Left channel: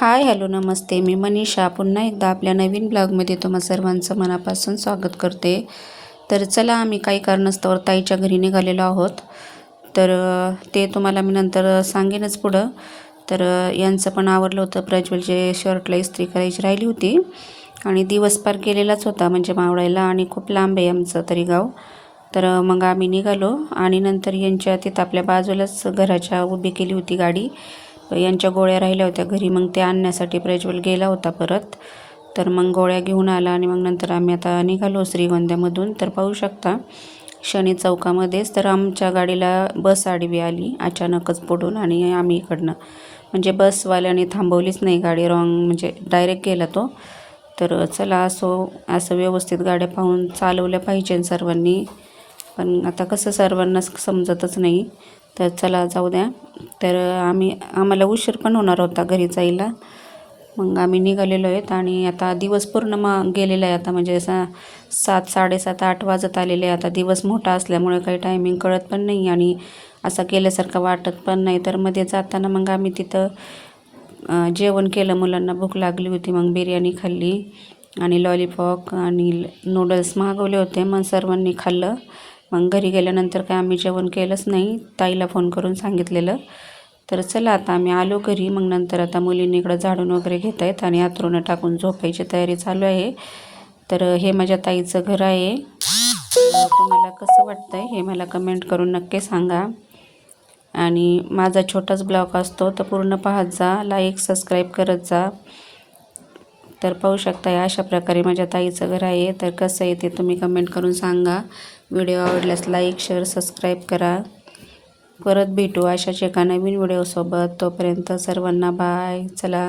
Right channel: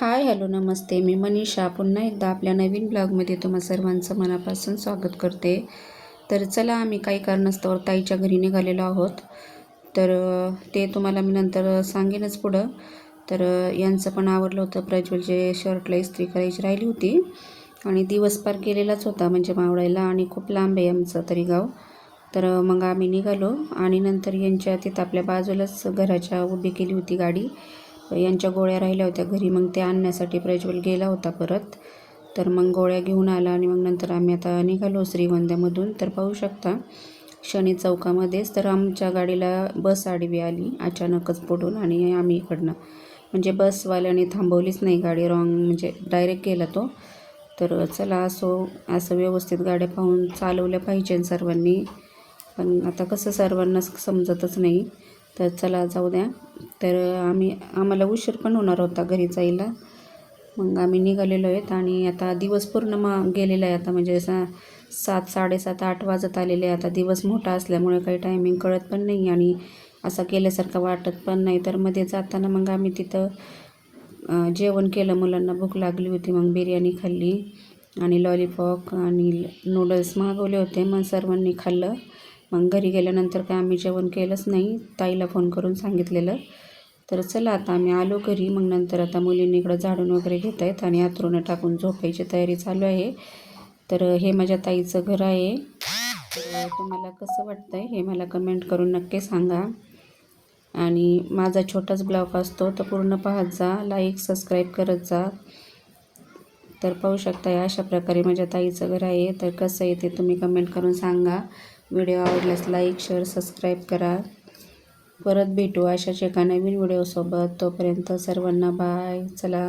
Hi hello नमस्ते. मी मनीषा पुन्हा एकदा आपल्या नवीन ब्लॉगमध्ये तुम्हा सर्वांचं मनापासून स्वागत करते. तर चला, आम्ही काही कारणास्तव ताईच्या घरी निघालेलो आहोत. तर ते तुम्हाला मी नंतर सांगेनच पुढं. तर यांचं पण आवरलं होतं. प्रज्वलचे शर्टला इस्त्री करायची राहिली होती आणि दिवस पार गेलेलाच होता म्हणजे मावळायला, आणि खूप लांब आहे आमचं तरी गाव. तर मग आम्ही निघालो आणि नंतर यांच्या तिथं आपल्या बाजूलाच घराच्या उभी केली होती गाडी. यांच्या गोळ्या राहिल्या होत्या घरी, मग ते आणण्यासाठी प्रज्वल गेला होता परत. तर मग गोळ्या घेऊन आला आणि मग नंतर आम्ही आता निघालो श्रीगोंद्यामधून. तर पाहू शकता शनी चौकामध्येच तर आमच्या गाडीला बस आडवी आली अचानकच पुढून, आणि आम्ही इकडनं म्हणजे बसवाल्याने थांबवलीच नाही गाडी, रॉंग म्हणजे डायरेक्ट गेला तो. तर चला असं व्यवस्थित गाड्या पाहून चालवल्या पाहिजे सर्वांनी, पण आता कसं सर्वांना समजतच नाही. तर चला जाऊ द्या. तर आम्हाला उशीर पण होणार होता घरी जायला. मग आम्ही निघालेलो आहेत आणि आता दिवस पूर्ण मग गेलेला आहे. आता म्हणजे 7, 7:30, 8 वाजत आलेले आहे. आता दिवस मोठा असल्यामुळे काही टायमिंग कळत पण नाही आणि असं केल्यासारखं वाटत पण नाही. तर मध्ये जाताना मग आम्ही तिथं जेवण केलं, मुलांना भूक लागली होती. मग बिर्याणी खाल्ली आणि लॉलीपॉप आणि नूडल्स मागवले होते. मग सर्वांनी खाल्लं. मग घरी गेल्यानंतर काय आम्ही जेवण केलंच नाही, ताईला फोन करून सांगितलेलं. तर चला आता आम्ही आलो घरी. मग नंतर आता मुलींनी इकडं झाडून वगैरे घेत आहेत आणि अंथरुणं टाकून झोपायची तयारी चालू आहे. तर हे माझ्या ताईचं घर आहे. तुम्हाला कसं वाटतं आहे हे मला कमेंट करून नक्की सांगा. आणि माझा छोटाच ब्लॉग असतो तर पूर्ण पाहत जा, लाईक सबस्क्राईब करत जा. तर पाहू शकता अशा प्रकारे माझ्या ताईचं घर आहे. तर कसं आहे ते तुम्ही कमेंट करून सांगा. व्हिडिओ आवडल्यास लाईक शेअर सबस्क्राईब करा. परत भेटू अशाच एका नवीन व्हिडिओसोबत. तोपर्यंत सर्वांना बाय. चला.